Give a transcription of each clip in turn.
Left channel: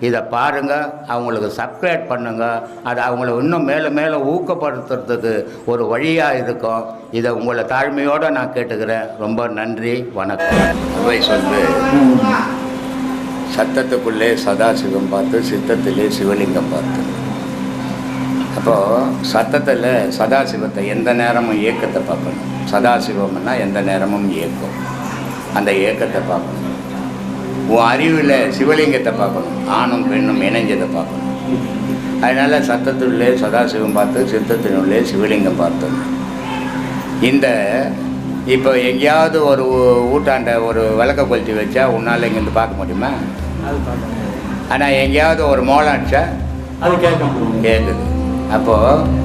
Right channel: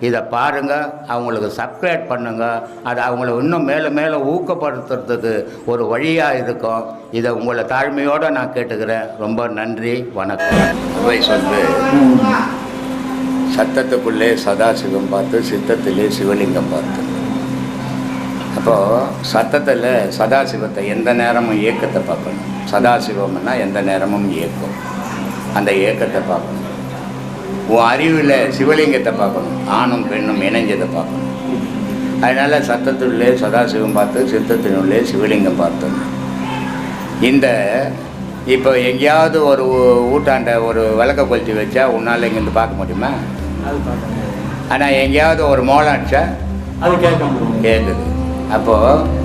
இதை பாருங்க அவங்களுக்கு சப்ஸ்கிரைப் பண்ணுங்கள் அது அவங்கள இன்னும் மேலே மேலே ஊக்கப்படுத்துறதுக்கு ஒரு வழியாக இருக்கும். இதை உங்களை தாழ்மையோடு நான் கேட்டுக்கிறேன். ரொம்ப நன்றி வணக்கம். வயசு வந்து சத்தத்துக்குள்ளே சதாசிவம் பார்த்து சித்தத்திலே சிவலிங்கம் பார்த்து. அப்போது சத்தத்தில் சதாசிவத்தை எந்த நேரமும் இயக்கத்தை பார்க்கணும். சதாசிவம்னா எந்த நேரமும் இயக்கம். அந்த இயக்கத்தை பார்க்கணும். உன் அறிவில் சிவலிங்கத்தை பார்க்கணும். ஆணும் பெண்ணும் இணைஞ்சதை பார்க்கணும். அதனால் சத்தத்துள்ளே சதாசிவம் பார்த்து சித்தத்தினுள்ளே சிவலிங்கம் பார்த்தோம். இந்த இப்போ எங்கேயாவது ஒரு ஊட்டாண்ட ஒரு விளக்க கொளுத்தி வச்சா உன்னால் இங்கேருந்து பார்க்க முடியுமா. ஆனால் எங்கேயாவது ஒரு மோளம் அடிச்சா அது கேட்க முடியும் கேட்குது. அப்போது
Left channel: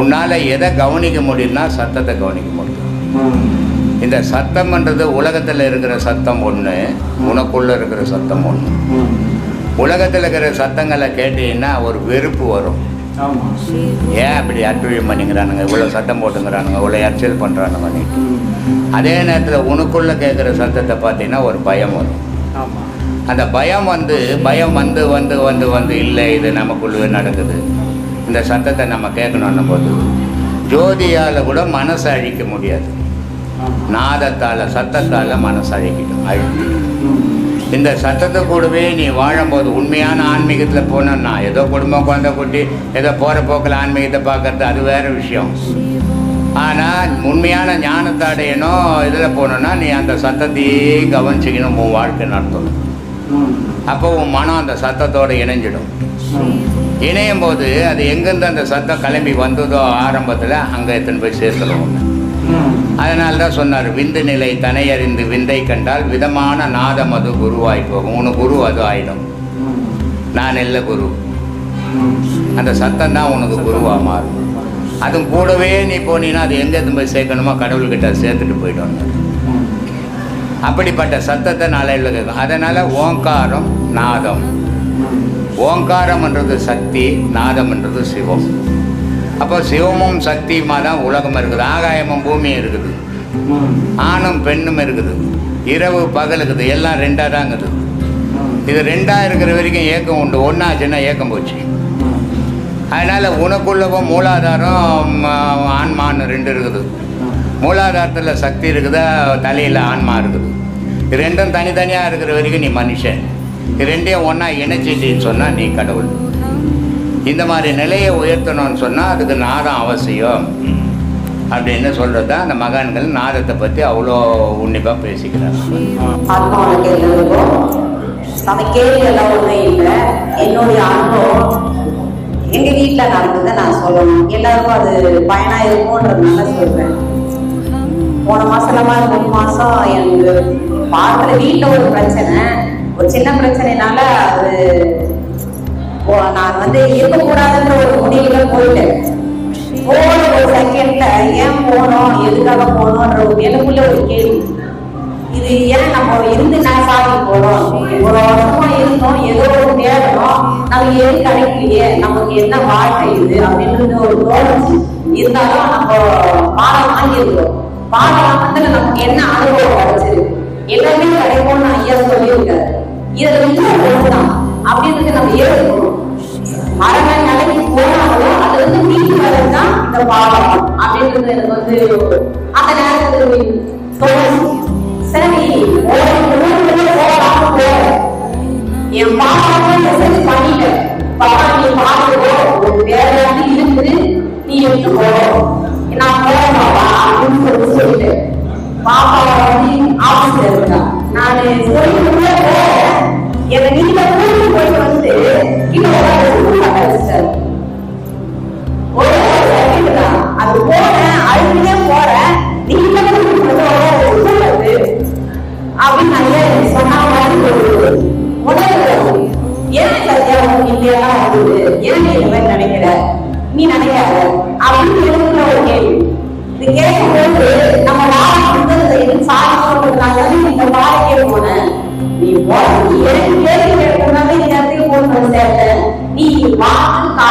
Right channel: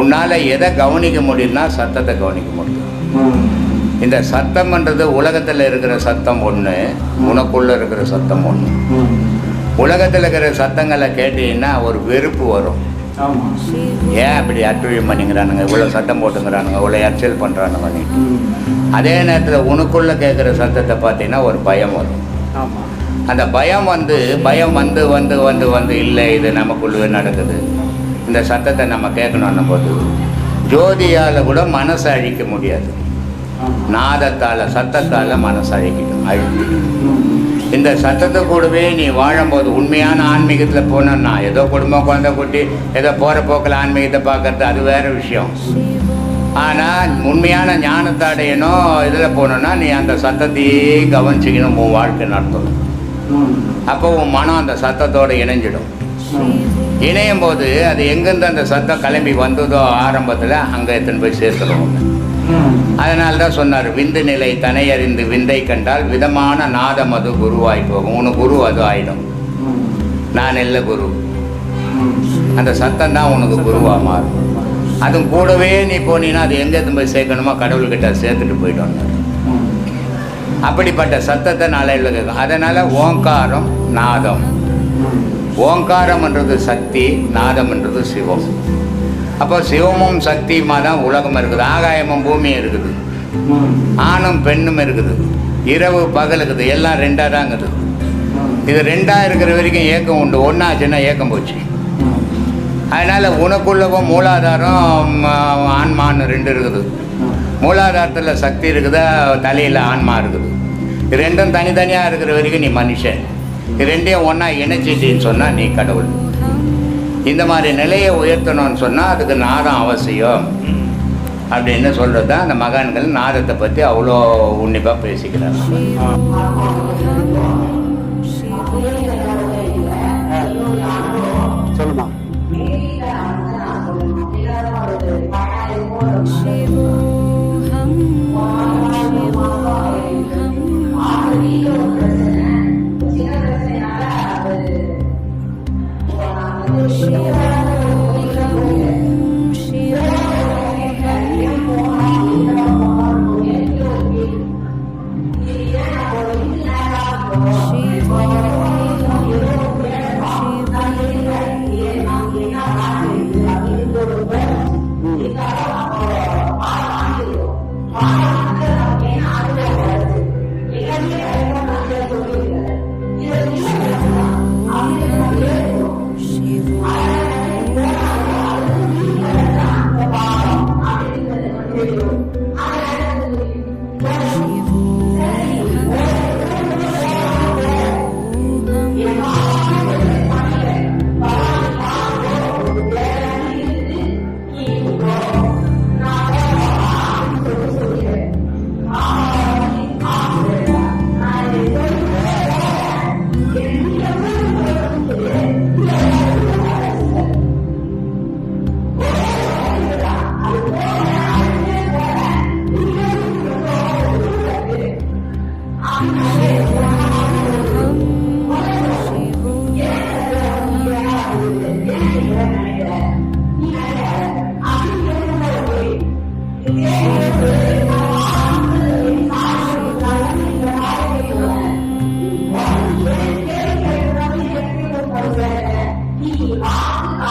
உன்னால் எதை கவனிக்க முடியும்னா சத்தத்தை கவனிக்க முடியும். இந்த சத்தம்ன்றது உலகத்தில் இருக்கிற சத்தம் ஒன்று உனக்குள்ளே இருக்கிற சத்தம் ஒன்று. உலகத்தில் இருக்கிற சத்தங்களை கேட்டீங்கன்னா ஒரு வெறுப்பு வரும். ஏன் அப்படி அட்டுழியம் பண்ணிக்கிறானுங்க? இவ்வளோ சத்தம் போட்டுங்கிறானுங்க இவ்வளோ எச்சல் பண்ணுறானுங்க. அதே நேரத்தில் உனக்குள்ளே கேட்குற சத்தத்தை பார்த்தீங்கன்னா ஒரு பயம் வரும். அந்த பயம் வந்து பயம் வந்து வந்து வந்து வந்து இல்லை இது நமக்குள்ளே நடக்குது. இந்த சத்தத்தை நம்ம கேட்கணுன்னும் போது ஜோதியால் கூட மனசை அழிக்க முடியாது. நாதத்தால் சத்தத்தால் மனசு அழகிடும். அழிக்கிடும் இந்த சத்தத்தை கூடவே நீ வாழும்போது உண்மையான ஆன்மீகத்தில் போனோம்னா ஏதோ குடும்பம் குழந்தை குட்டி ஏதோ போகிற போக்கில் ஆன்மீகத்தை பார்க்கறது அது வேற விஷயம். ஆனால் உண்மையான ஞானத்தை அடையணும் இதில் போனோன்னா நீ அந்த சத்தத்தையே கவனிச்சிக்கணும் உன் வாழ்க்கை நடத்தும் அப்போ உன் மனம் அந்த சத்தத்தோடு இணைஞ்சிடும். இணையும் போது அது எங்கேருந்து அந்த சத்தம் கிளம்பி வந்ததோ ஆரம்பத்தில் அங்கே எடுத்துன்னு போய் சேர்த்துடும் ஒன்று அதனால தான் சொன்னார் விந்து நிலை தனை அறிந்து விந்தை கண்டால் விதமான நாதம் அது குருவாய் போகும். உனக்கு குரு அது ஆயிடும். நான் இல்லை குரு. அந்த சத்தம் தான் உனக்கு குருவாக மாறும். அதுவும் கூடவே நீ போனீங்கன்னா அது எங்கே போய் சேர்க்கணுமோ கடவுள்கிட்ட சேர்த்துட்டு போயிட்டோம் அப்படிப்பட்ட சத்தத்தை நாளையில் கேட்கும். அதனால் ஓங்காரம் நாதம். ஓங்காரம்ன்றது சக்தி நாதம்ன்றது சிவம். அப்போ சிவமும் சக்தியுமா தான் உலகம் இருக்குது. ஆகாயமும் பூமியும் இருக்குது. ஆணும் பெண்ணும் இருக்குது. இரவு பகலுக்குது இருக்குது. எல்லாம் ரெண்டாக தான் இருக்குது. இது ரெண்டாக இருக்கிற வரைக்கும் ஏக்கம் உண்டு. ஒன்றாச்சுன்னா ஏக்கம் போச்சு. அதனால் உனக்குள்ளவும் மூலாதாரம் ஆன்மான்னு ரெண்டு இருக்குது. மூலாதாரத்தில் சக்தி இருக்குதா? தலையில் ஆன்மா இருக்குது. இது ரெண்டும் தனித்தனியாக இருக்கிற வரைக்கும் நீ மனுஷன். இது ரெண்டையும் ஒன்றா இணைச்சிட்டின்னு சொன்னால் நீ கடவுள். இந்த மாதிரி நிலையை உயர்த்தணும்னு சொன்னால் அதுக்கு நாதம் அவசியம். அப்படின்னு சொல்கிறது தான் அந்த மகான்கள் நாதத்தை பற்றி அவ்வளோ உன்னிப்பாக பேசிக்கிறாங்க. நம்ம எங்க வீட்டுல நடந்ததை நான் சொல்லணும். எல்லாருக்கும் அது பயனா இருக்கும்ன்றதுனால சொல்றேன். போன மாசமா மூணு மாசம் எனக்கு பார்க்குற வீட்டுல ஒரு பிரச்சனை. ஒரு சின்ன பிரச்சனைனால அது நான் வந்து இருக்கக்கூடாதுன்ற ஒரு முடிவுல போயிட்டேன். போன ஒரு செகண்ட்ல ஏன் போனோம் எதுக்காக போனோம்ன்ற ஒரு எனக்குள்ள ஒரு கேள்வி. இது ஏன் நம்ம இருந்து நான் சாதி போறோம்? ஒரு வருஷமா இருந்தோம் ஏதோ ஒரு தேடுறோம் நம்ம எது கிடைக்கலையே? நமக்கு என்ன வாழ்க்கை இது? அப்படின்றது ஒரு தோணுச்சு. இருந்தாலும் நம்ம பாடம் வாங்கியிருக்கோம் பாடம்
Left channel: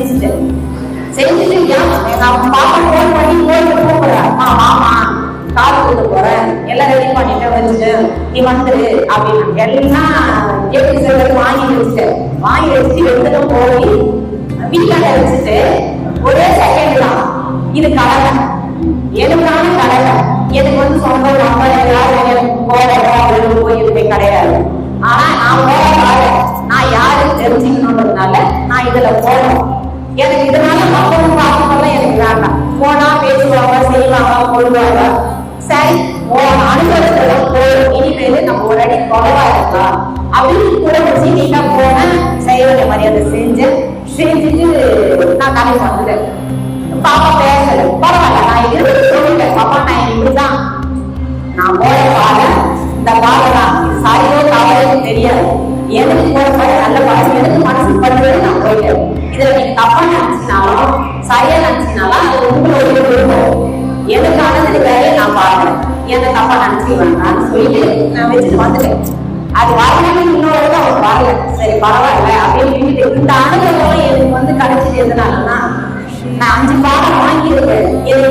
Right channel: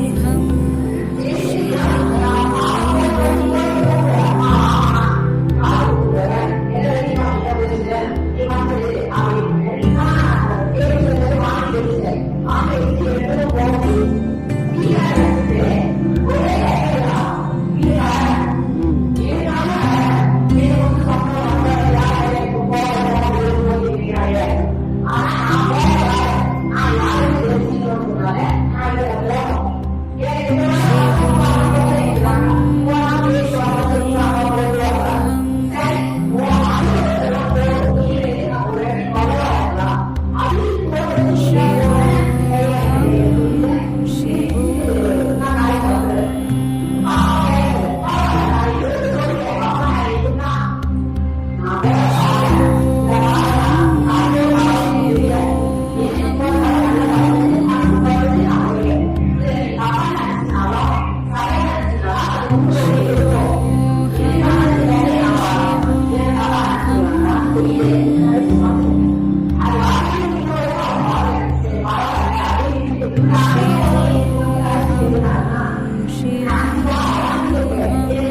செஞ்சுட்டு செஞ்சுட்டு பாப்பா ஃபோன் பண்ணி கோயிலுக்கு போகிறேன் மாமா காது கொடுக்க போறேன். எல்லாம் ரெடி பண்ணிட்டு வச்சுட்டு நீ வந்துரு அப்படின்னு. எல்லாம் எப்படி சொல்றது? வாங்கி வச்சுட்டேன் வாங்கி வச்சு எடுத்துட்டு போய்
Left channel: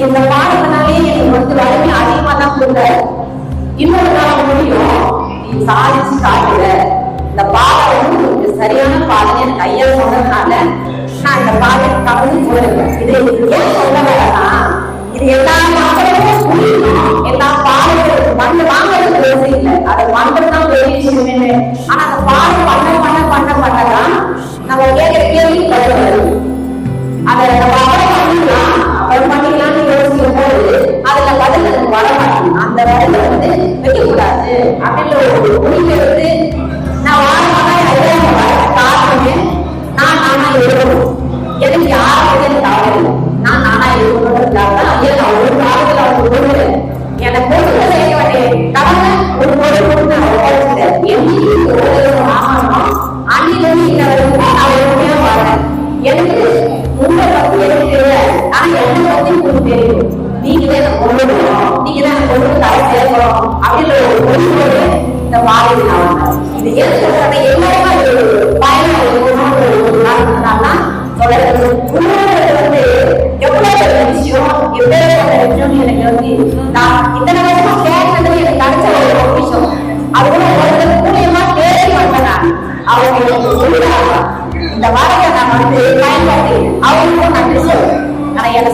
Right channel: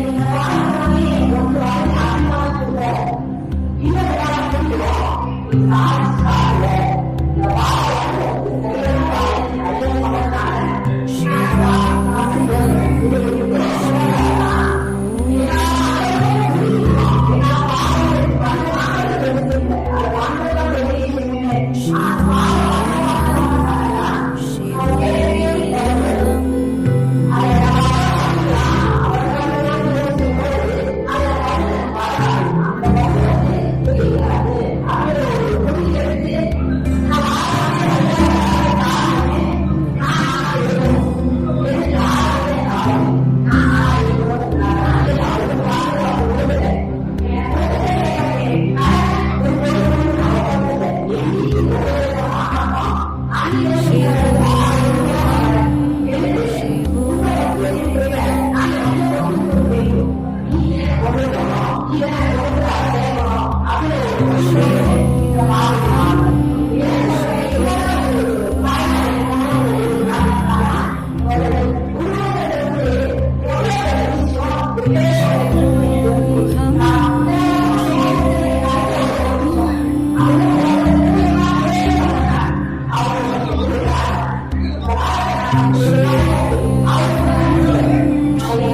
இந்த பாடத்தினாலே எனக்கு ஒருத்தர் வரைக்கும் அதிகமா தான் கொடுத்தாரு. இன்னொரு நாள் முடியும். சாதிச்சு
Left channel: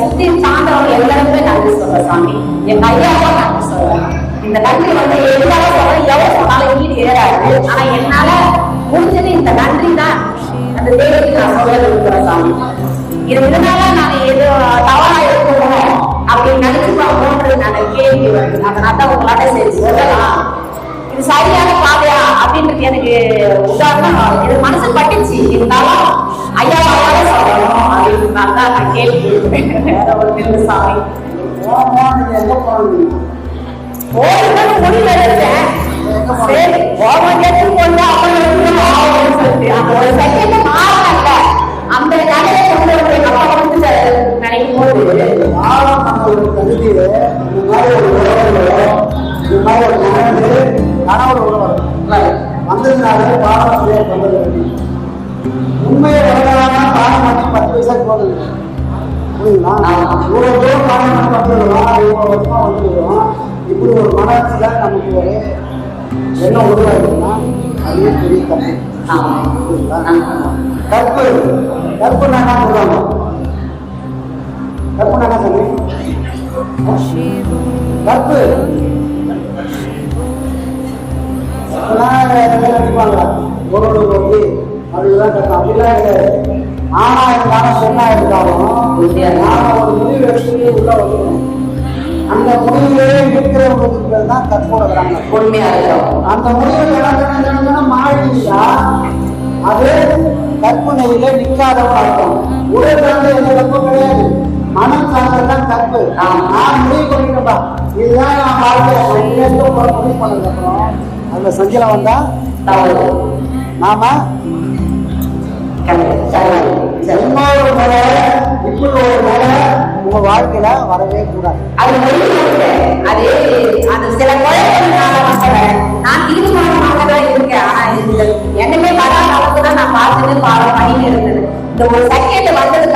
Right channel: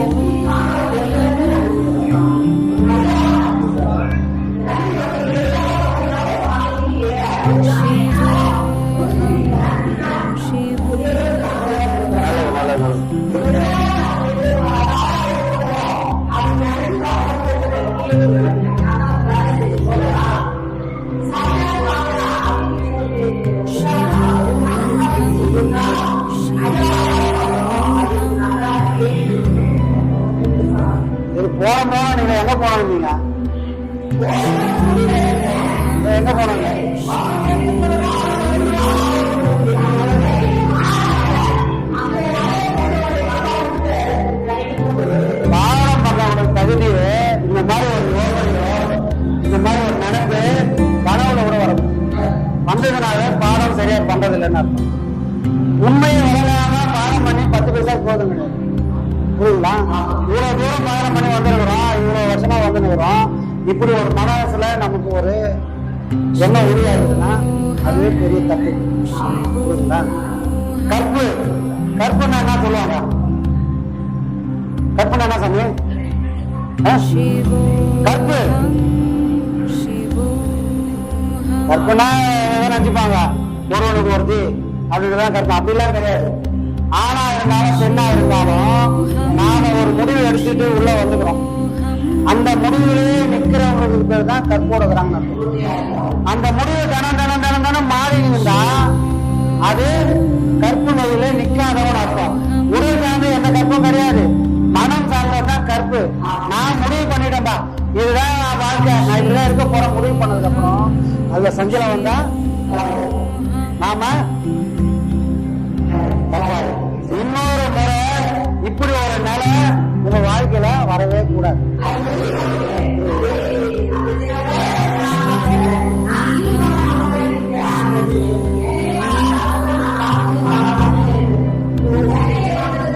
முஸ்லீம் சார்ந்தவர்கள் எல்லாருமே நன்றி சொல்றேன் சாமி. எங்க ஐயாவா நன்றி சொல்றேன். இந்த நன்றி வந்து எவ்வளவு சொல்றேன் எவ்வளவு சொன்னாலும் ஈடு ஏறாது ஆனா என்னால முடிஞ்சது இந்த நன்றி தான். அந்த தேவத்துக்கு நான் சொல்ல இருக்கிறேன் சாமி. இதனால நான் எது தவறா இருக்கணும் அப்படின்னு நினைச்சு போன்றது நான் கேள்வி வருது. அதனால தான் உங்களால சரி சொல்லலாம். இது சரியான பாதையா அப்படின்றது எனக்கு உதாரணம். இது மனசு பட்டுச்சு. இருந்தாலும் ஐயாவா நான் கேள்வி ஒரு பில்லு சாமி போறப்போ நீங்க எங்க போவீங்க போறதுக்கு முடியல இருக்கேன் போவாங்க கொண்டு அப்படி அந்த ஒரு செகண்ட் மாறல அந்த கதையை கொண்டு வந்து நம்ம வந்து நினைக்கும் போது வாரம் பண்ண ஒரு மாதிரி ஒரு உறவு இந்த மாதிரி ஒரு நினைவு கனவுல உறவு வந்ததுனால பண்ணதில்லை நான் உண்மையை உலகமாக பாடம் பண்ணி பத்து பைசா போதில்லை புரியுதுங்களா இவ்வளோ தூரம் காரணம் இவ்வளோ வருஷமா வந்துருக்கிறோம் இப்படி ஒரு மனசுல நமக்கு ஒரு என்ன உருவாயிருக்குன்னா அதுவே பெரிய தப்பு. கற்பு. கற்பனை என்ன சொல்லுவாங்க? கற்பனை என்ன சொல்லு கற்பு. கற்பனா நினைப்பாங்க ஒரு ஒரு மூர்த்தி அப்படிதான் கற்பனை அப்படிலாம் கிடையாது. ஆனா இருந்தாலும் பெண்ணா இருந்தாலும் நாம ஒரு முடிவு எடுத்துட்டு உள்ள வந்துக்கணும் அந்த முடிவிலே நிற்கிறவங்களுக்கு பேர் தான் கற்போடுறாங்க உண்மையா இருக்கும் அந்த முடிவு தடம் தடம் மாறி இருந்தா அது கற்பு நிலையில நிற்காதவர் அர்த்தம் உடல் சார்ந்த எந்த தப்பும் கிடையாது மனம் சார்ந்ததுதான் கற்பு நான் முடிவு பண்ணிட்டப்பா இதுதான் நான் வாழ்க்கையில நான் போற முடிவு பண்ணதுக்கு அதுல செஞ்சல வந்தா தவறு நாம இப்படி ஒரு முறை உங்க வாழ்க்கையில வரவே கூடாது அது அது அது சில குழந்தைகள் நான் தீர்மானமாக தான் இருக்கேன் ஆனா இதுல என்னமே வராத நான் பார்த்துட்டு பாடம் பண்ணிட்டு இருந்தது இந்த ஒரு சக்கியத்தை வந்தது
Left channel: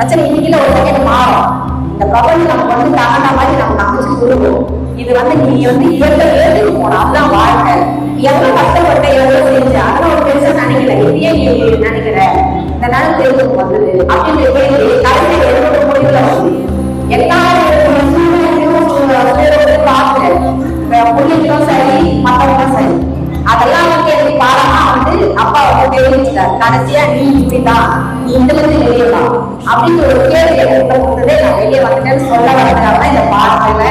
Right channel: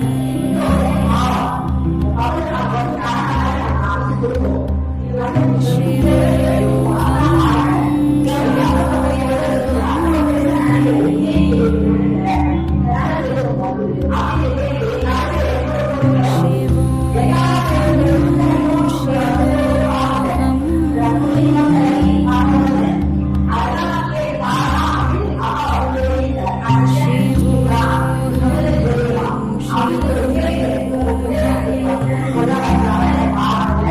பிரச்சனை இன்னைக்கு ஒரு வகையில மாறும் இந்த பிரபஞ்சம் நமக்கு வந்து தகுந்த மாதிரி நம்ம அமைச்சு கொடுக்கும் இது வந்து நீ வந்து இயற்கை ஏற்றுக்கு போனோம் அதுதான் வாழ்க்கை. எவ்வளவு கஷ்டப்பட்ட எவ்வளவு செஞ்சு அதெல்லாம் ஒரு பெருசா நினைக்கல. இதே நீ நினைக்கிற. இந்த நாள் தேர்தலுக்கு வந்தது. அப்படின்னு கேள்வி கடைசி என்னோட முடிவுல வந்து புள்ளிகளும் சரி மற்றவங்களும் சரி. அதெல்லாம் வந்து எனக்கு பாடமா வந்து அப்பா வந்து தெரிவிச்சிட்டார். கடைசியா நீ இப்படிதான் நீ அப்படின்னு ஒரு கேள்வி எனக்கு கொடுத்ததே நான் வெளியே வந்துட்டேன்னு சொல்ல வரதுனால இந்த பாடத்துல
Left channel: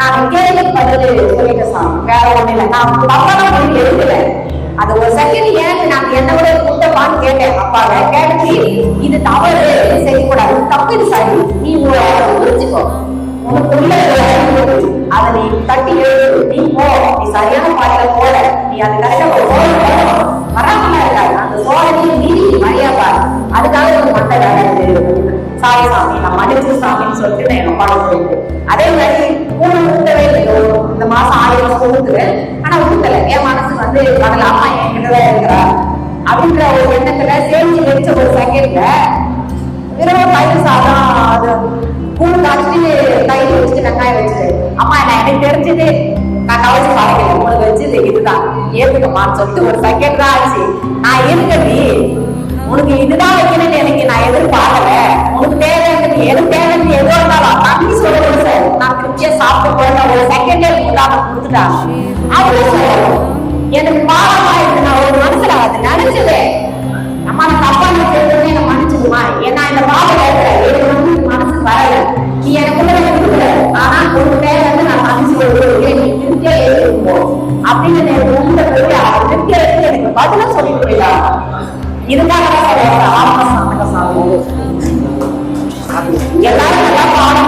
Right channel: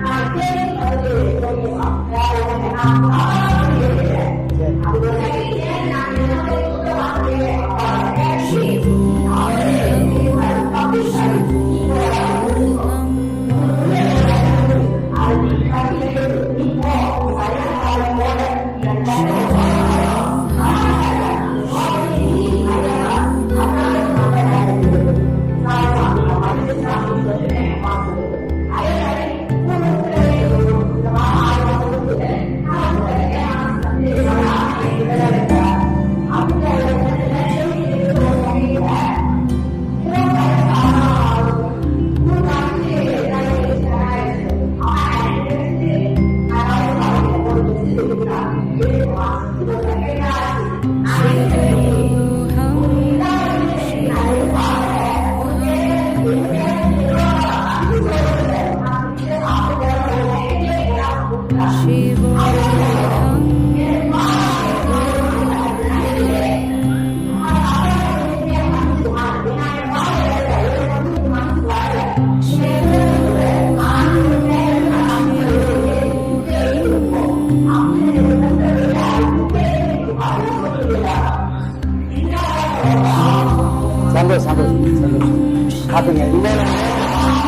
நான் கேள்வி பதில் சொல்லிக்க சார் வேற ஒண்ணு இல்லை நான் தப்பான போய் எழுதல அது ஒரு செகண்ட் ஏன் நான் என்னோட குட்டப்பான்னு கேட்டேன் அப்பாங்க கேட்டு இது தவறு செய்யக்கூடாது தப்பு இது சரி நீ புரிஞ்சுக்கோ. உனக்கு அதை நீ தட்டி எழுது. நீ போ. நீ சரியான பாதையில போல நீ அது கரெக்டா ஏத்துக்கம்மான்னு சொல்லிட்டு ஒரு செகண்ட் தான் ஆச்சு நான் இருக்கிறது உனக்கு இதுதான் வைக்கணும்னு எனக்கு நான் எதிர்பார்க்கல. உனக்கு தேவைன்னு எது தேவைன்னு எதோ இருந்தாலும் தம்பி சொல்லணும் சார். நான் திருப்தியா சாப்பிட்டு போயிட்டேன் ஒரு செகண்டே உதாரணம் கொடுத்துட்டா. அவரு எனக்கு பாவமா இருக்கு. நான் ஒரு மனசுல அது நினைச்சது. நம்ம தப்பா நினைச்சதுன்னு என்ன மன்னிச்சுக்குமா? ஏன்னா இந்த பாவம் மனசுக்கு வரல. நீ எனக்கு கூட கொடுக்கல நான் மனசு அப்படின்னு பண்ணுங்க எல்லாரும்